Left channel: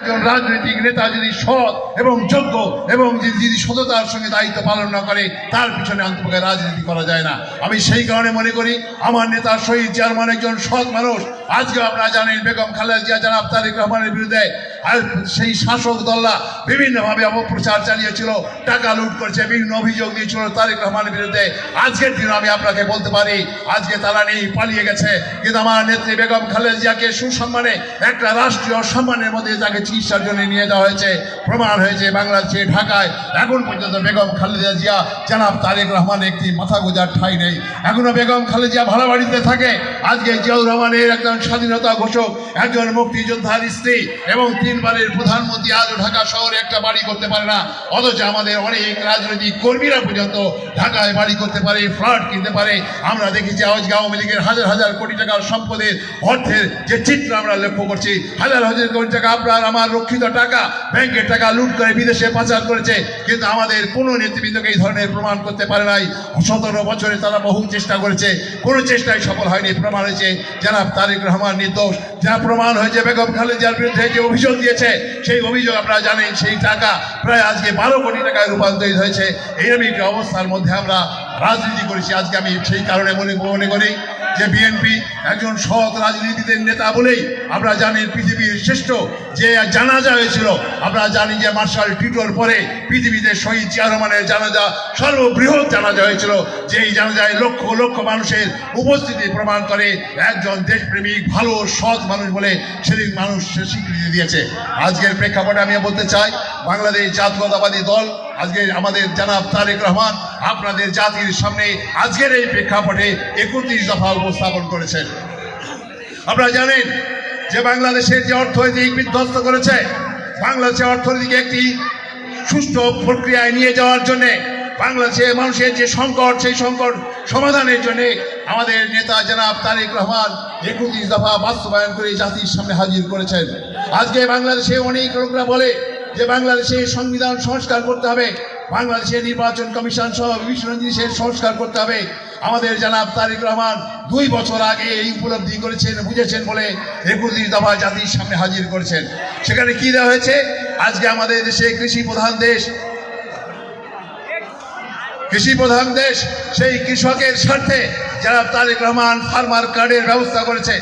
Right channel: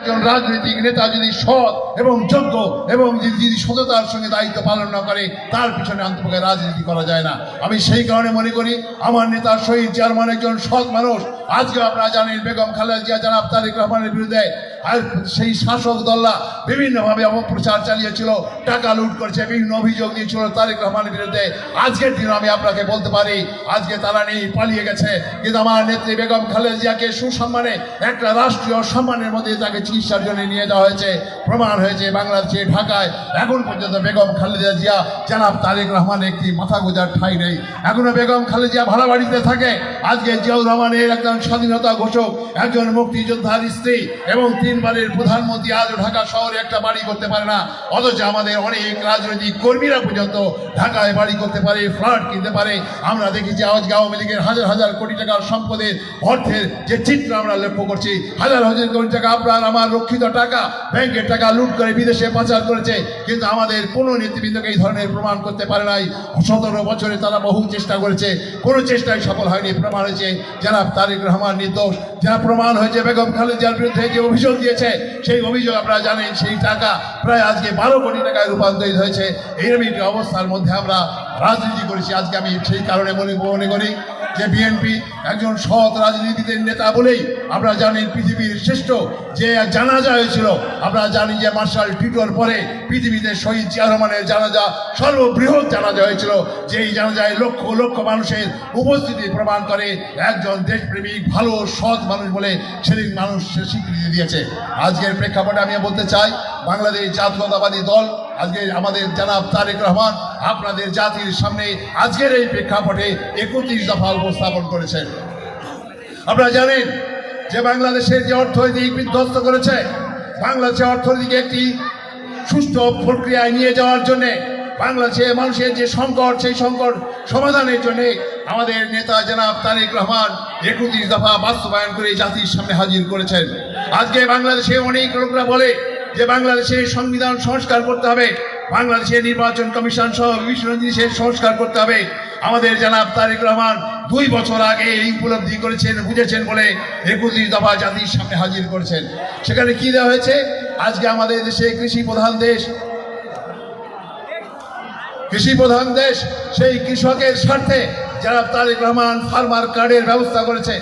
একজন রাজনৈতিক নেতা যদি সৎ এবং যোগ্য এবং যদি সততার সঙ্গে দায়িত্ব পালন না করে, তার পিছনে অন্তপক্ষে রাজনীতি করা যায় না। আমি সেই কারণে মনে করি, আমার নেতা শহীদ চেয়ারম্যান একজন সৎ মানুষ। আজকে আপনারা জানেন, বেগম খালেদা জিয়া, জানাব তারেক রহমানের বিরুদ্ধে আর সেই শাসক দলরা বিভিন্নভাবে অপপ্রচার চালিয়েছিল, টাকা লুট করেছে, বিভিন্ন অভিযোগ দিয়েছিল তারেক রহমানের বিরুদ্ধে। আজকের দিনে আমি আপনাকে বলতে পারি, আজকে তারা নেই, পালিয়ে গেছে। কিন্তু আমার নেত্রী বেগম খালেদা জিয়াকে সুসম্মানে একটা রাষ্ট্রীয় সম্মানের মধ্যে তাকে চিকিৎসার জন্য নিয়ে যাওয়া হয়েছে। প্রমাণ হয়েছে বাংলাদেশে ঢাকায়। এখন পর্যন্ত বেগম খালেদা জিয়া, জানাব তারেক রহমান একটি মাথা গোজার ঠাই নেই। এখনও বেগম খালেদা ভাড়া বাড়িতে থাকে। আজকে জিয়াউর রহমানের একজন স্বাধীনতা ঘোষক, একজন মুক্তিযোদ্ধার স্ত্রী এবং তিনবারের প্রধানমন্ত্রী আজও ঢাকা শহরে একটা বাড়ি করতে পারে না। অথচ আমাদের অনেক রাজনৈতিক কর্মীরা পর্যন্ত ঢাকায় বাড়ি করতে পারে, ফ্ল্যাট কিনতে পারে। আমরা দেখেছি আজকে আওয়ামী লীগের হাজার হাজার কোটি টাকার সম্পদের অর্থের যে চিত্র আমরা লক্ষ্য করছি, হাজার হাজার কোটি টাকা আপনার আমার রক্ষিত টাকা, ব্যাংকের টাকা লুট করে বিদেশে পাচার করেছে, কিন্তু আমাদের কোনো নেতৃবৃন্দকে এই ধরনের প্রমাণ করতে পারে নাই। সতেরো বছরে তারা বহু চেষ্টা করেছে, কোনো চেষ্টায় সফল হয়নি। প্রমাণ হয়েছে যারা তারেক রহমান নির্দোষ। যা প্রমাণ হয়েছে, বেগম খালেদার বিরুদ্ধে যে অভিযোগ দিয়েছে, সেই অভিযোগ আপনারা জানেন, সেই টাকা প্রায় আজকে বারো কোটি টাকায় রূপান্তরিত হয়েছে। এইরকম একটি অবস্থার মধ্যে আমরা রাজনীতি করেছি, আজকে আমি সেই কারণে মনে মনে করি। যে বিএনপি একজন সৎ রাজনীতিদের নেতা বলেই আমরা জানি পৃথিবীর শ্রেষ্ঠ। যে জানাজা হয়েছিল, আমরা জানি যে মার্শাল টিটোর পরে পৃথিবীতে শহীদ জিয়া রহমানের জানাজা, সর্ববৃহৎ জানাজা হয়েছিল। যেই জানাজায় লক্ষ লক্ষ মানুষের উপস্থিতি প্রমাণ করে একজন দেশপ্রেমিক, ভালো, সৎ মানুষ বলে সেদিন মানুষ স্বীকৃতি দিয়েছে। আজকের প্রেক্ষাপটে আমি বলতে চাই, বাংলাদেশ জাতীয়তাবাদী দল, আজকে আমাদের জানাব তারেক রহমান আপনাদের জাতির সামনে আজকের এই প্রেক্ষাপটে একত্রিশ দফা উপস্থাপন করেছেন। আপনারা জানেন যে বাংলাদেশের যে অর্থনৈতিক বিধ্বস্ত করেছে বাংলাদেশের অর্থনীতিকে একটি সুষ্ঠু প্রক্রিয়ায় নিয়ে যাওয়ার জন্যে বাংলাদেশের মানুষের যে সংকট, সেই সংকট সমাধানের জন্য আমাদের নেতা জনাব তারেক রহমান একত্রিশ দফা বাস্তবায়ন করে জাতির সামনে হাজির করেছেন। আজকে বাংলাদেশে অনেক লোকরা বলে যে বাংলাদেশের সংবিধান সংস্কার করতে হবে, বাংলাদেশের নির্বাচন কমিশন সহ বিভিন্ন জিনিসের সংস্কার করতে হবে। আমাদের জানাব তারেক রহমান দুই বছর আগে এই উপলব্ধি করেছেন, বুঝেছেন বলে একত্রিশ দফা জাতির সামনে হাজির করেছেন। সেখানে কি দেওয়া হয়েছে? আজকে আমাদের দেশে কৃষি প্রধান দেশ, কৃষি প্রধান দেশ, সেই কৃষকের স্বার্থে যারা তারেক রহমান ফার্মার কার্ডের ব্যবস্থা করেছে।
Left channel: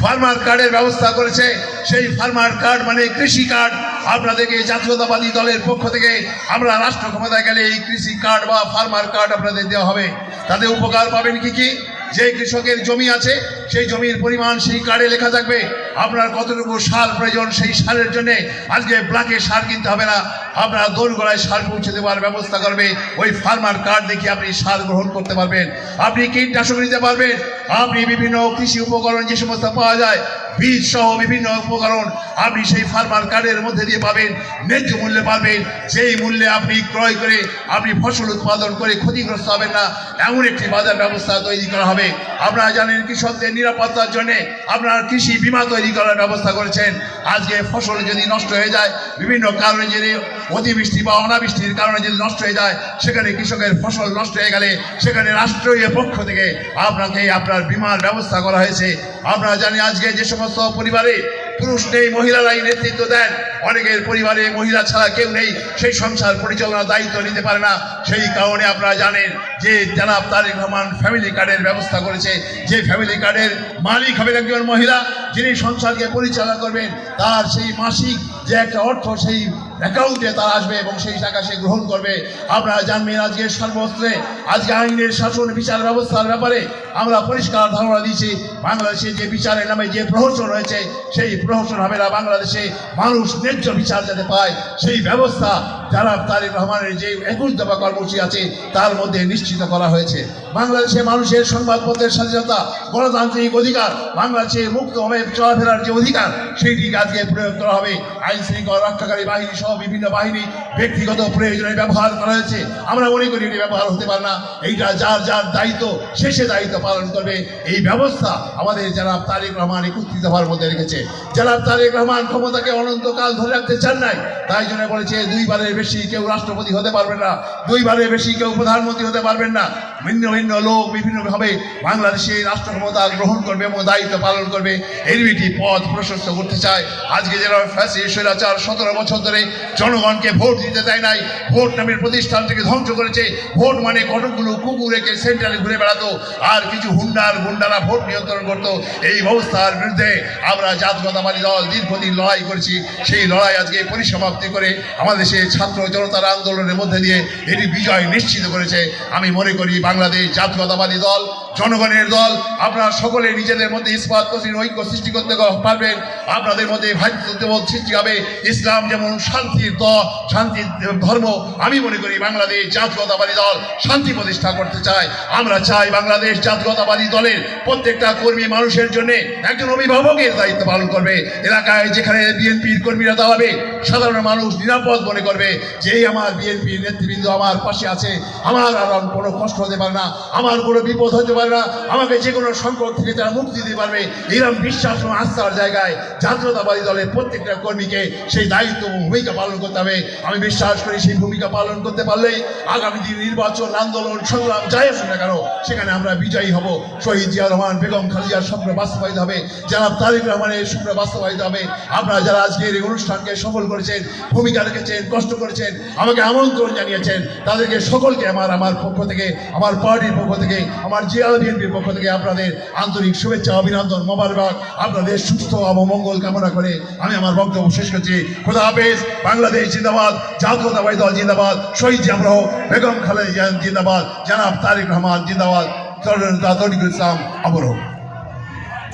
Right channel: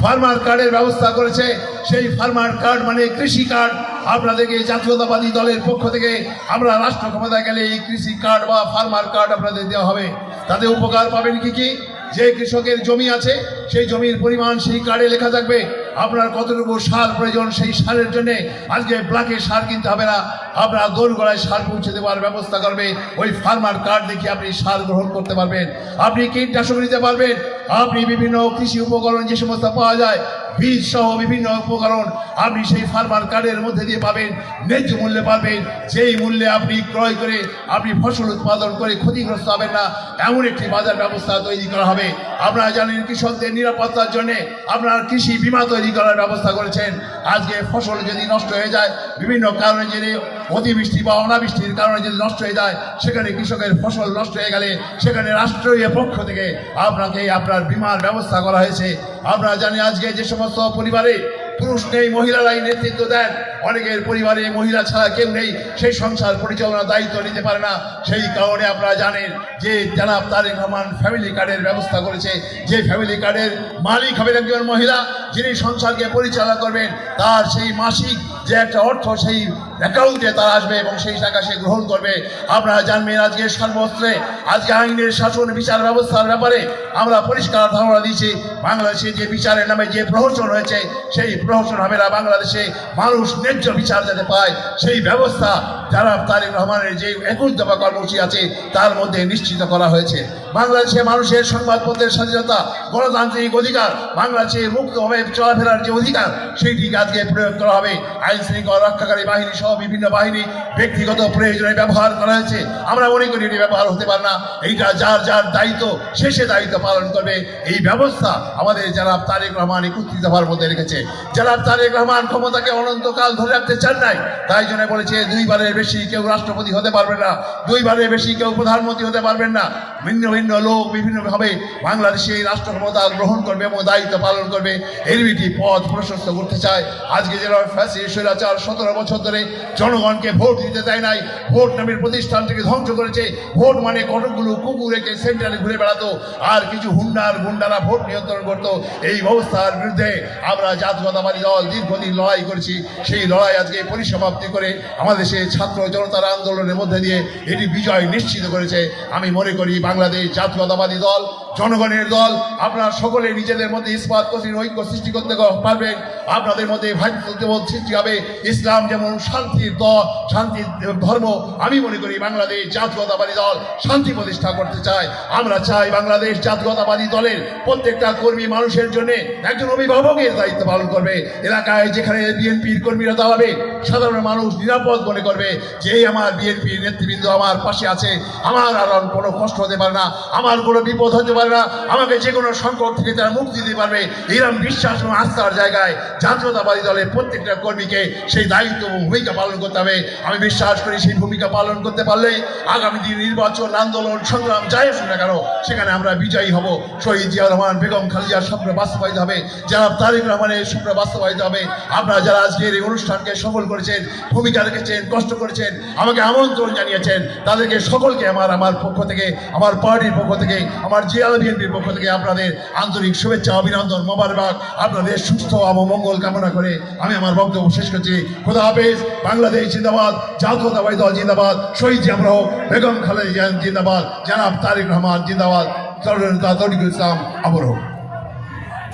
ফার্মার কার্ডের ব্যবস্থা করেছে। সেই ফার্মার কার্ড মানে কৃষি কার্ড আপনাদেরকে জাতীয়তাবাদী দলের পক্ষ থেকে আমরা রাষ্ট্র ক্ষমতায় গেলে এই কৃষি কার্ড বা ফার্মার কার্ড আপনাদের দেওয়া হবে। তাতে উপকার পাবেন কি কি? যে কৃষকের জমি আছে, সেই জমির পরিমাণ সেই কার্ডে লেখা থাকবে। আপনার কতটুকু সার প্রয়োজন, সেই সারের জন্য আজকে ব্লাকে সার কিনতে হবে না। আপনার দোরগোড়ায় সার পৌঁছে দেওয়ার ব্যবস্থা করবে। ওই ফার্মার কার্ড দেখে আপনি সার গ্রহণ করতে পারবেন। আপনি কীটনাশক নিতে পারবেন। আপনি বিভিন্ন কৃষি উপকরণ যে সমস্ত পাওয়া যায় বীজ সহ বিভিন্ন উপকরণ আপনি সেই ফার্মার কার্ডের মধ্যে দিয়ে পাবেন, ন্যায্য মূল্যে পাবেন সেই মূল্যে আপনি ক্রয় করে আপনি ফসল উৎপাদন করে ক্ষতিগ্রস্ত হবেন না, এমন একটি বাজার ব্যবস্থা তৈরি করা হবে। আপনারা জানেন কৃষকদের নিরাপত্তার জন্য আপনার কৃষি বিমা তৈরি করার ব্যবস্থা করেছেন। আজকে ফসল যদি নষ্ট হয়ে যায়, বিভিন্ন কারণে যদি অতিবৃষ্টি বা অনাবৃষ্টির কারণে যদি নষ্ট হয়ে যায়, সেখানে কৃষকের ফসল নষ্ট হয়ে গেলে সেখানে রাষ্ট্রীয় পক্ষ থেকে আপনাকে আপনার বীমার ব্যবস্থা করা হয়েছে। আপনারা জানি আজকে যে সমস্ত পরিবারে পুরুষ নেই, মহিলারাই নেতৃত্ব দেন। অনেকের পরিবারে মহিলা ছাড়া কেউ নেই। সেই সংসার পরিচালনার দায়িত্ব নিতে পারে না। সেই কারণে আপনারা জানেন যে জানাব তারেক রহমান ফ্যামিলি কার্ডের ব্যবস্থা করেছে। যে ফ্যামিলি কার্ডের মালিক হবেন একজন মহিলা, যিনি সংসারকে পরিচালনা করবেন, তার সেই মাসিক যে একটা অর্থ, সেই অ্যাকাউন্টে তার আসবে এবং সেই টাকা সে গ্রহণ করবে। আপনারা জানবেন আজকে সর্বস্ত্রে আজকে আইনের শাসন, বিচার ব্যবস্থার ব্যাপারে আমরা পরিষ্কার ধারণা দিয়েছি, বাংলাদেশে যে বিচারের নামে যে প্রহসন হয়েছে, সেই প্রহসন হবে না। বাংলাদেশে মানুষ ন্যায্য বিচার যাতে পায়, সেই ব্যবস্থা যারা তারেক রহমানের যে একুশ দফা কর্মসূচি আছে, তার মধ্যে নিশ্চিত করা হয়েছে। বাংলাদেশে মানুষের সংবাদপত্রের স্বাধীনতা, গণতান্ত্রিক অধিকার বাংলাদেশে মুক্তভাবে চলাফেরার যে অধিকার, সেইটিকে আজকে প্রয়োগ করা হবে। আইন আইন শৃঙ্খলা রক্ষাকারী বাহিনী সহ বিভিন্ন বাহিনী ব্যক্তিগত প্রয়োজনে ব্যবহার করা হয়েছে। আমরা মনে করি এটি ব্যবহার হতে পারে না। এইটা যার যার দায়িত্ব শেষে দায়িত্ব পালন করবে। এই ব্যবস্থা আমাদের যারা তারেক রহমান একত্রিত হওয়ার মধ্যে রেখেছে। যারা তারেক রহমান ক্ষমতাকে অনন্তকাল ধরে রাখতে চান নাই। তাই জন্য বলেছে, দুইবারের বেশি কেউ রাষ্ট্রপতি হতে পারবে না। দুইবারের বেশি কেউ প্রধানমন্ত্রী হতে পারবেন না। ভিন্ন ভিন্ন লোক বিভিন্নভাবে বাংলাদেশে রাষ্ট্র ক্ষমতা গ্রহণ করবে। এবং দায়িত্ব পালন করবে। এরবিটি পথ প্রশস্ত করতে চায়। আজকে যারা ফ্যাসি স্বৈরাচার সতেরো বছর ধরে জনগণকে ভোট দিতে দেয় নাই। ভোট নামের প্রতিষ্ঠানটিকে ধ্বংস করেছে। ভোট মানে কতগুলো কুকুর রেখে ঘুরে বেড়াতো। আর কিছু হুন্ডার গুন্ডারা ভোট নিয়ন্ত্রণ করতো। এই ব্যবস্থার বিরুদ্ধে আমরা জাতীয়তাবাদী দল দীর্ঘদিন লড়াই করেছি। সেই লড়াই আজকে পরিসমাপ্তি করে আমাদের দেশে ছাত্র জনতার আন্দোলনের মধ্যে দিয়ে এটি বিজয় নিশ্চিত করেছে। আমি মনে করি বাংলাদেশ জাতীয়তাবাদী দল জনগণের দল, আপনারা সকলে নিজেদের মধ্যে ইস্পাত ঐক্য সৃষ্টি করতে পারবেন। আপনাদের মধ্যে ভাতৃত্ববোধ সৃষ্টি হবে। ইসলাম যেমন শান্তির দ, শান্তির ধর্ম, আমি মনে করি বাংলাদেশ জাতীয়তাবাদী দল শান্তি প্রতিষ্ঠা করতে চায়। আমরা চাই বাংলাদেশ জাতীয়তাবাদী দলের প্রত্যেকটা কর্মী মানুষের জন্য একজন অভিভাবকের দায়িত্ব পালন করবে। এলাকায় যেখানে বিএনপির কর্মীরা দাঁড়াবে, সাধারণ মানুষ নিরাপদ মনে করবে যে আমার বিএনপির নেতৃবৃন্দ আমার পাশে আছে। আমার আর কোনো কষ্ট হতে পারে না। আমার কোনো বিপদ হতে পারে না আমাকে যে কোনো সংকট থেকে তারা মুক্তি দিতে পারবে। এরকম বিশ্বাস এবং আস্থার জায়গায় জাতীয়তাবাদী দলের প্রত্যেকটা কর্মীকে সেই দায়িত্ব ভূমিকা পালন করতে হবে। আমি বিশ্বাস করি সেই ভূমিকা পালন করতে পারলেই আগামী দিন নির্বাচন, আন্দোলন, সংগ্রাম যাই আসুক না কেন, সেখানে আমরা বিজয়ী হব। শহীদ জিয়া রহমান, বেগম খালিজার স্বপ্ন বাস্তবায়িত হবে। যারা তারেক রহমানের স্বপ্ন বাস্তবায়িত হবে। আপনারা যারা আজকের এই অনুষ্ঠানকে সফল করেছেন, ভূমিকা রেখেছেন, কষ্ট করেছেন, আমাকে আমন্ত্রণ জানিয়েছেন, তাদেরকে সকলকে আমার আমার পক্ষ থেকে, আমার পার্টির পক্ষ থেকে, আমার জিয়া বিএনপির পক্ষ থেকে আপনাদের আন্তরিক শুভেচ্ছা, অভিনন্দন, মোবারক। আপনাদের সুস্থ এবং মঙ্গল কামনা করে আমি আমার বক্তব্য শেষ করছি। খোদা হাফেজ, বাংলাদেশ জিন্দাবাদ জাতীয়তাবাদী দল জিন্দাবাদ, শহীদ জামরহ বেগম খালেদ জিন্দাবাদ, জানাব তারিক রহমান জিন্দাবাদ তরিকুল ইসলাম আবরহ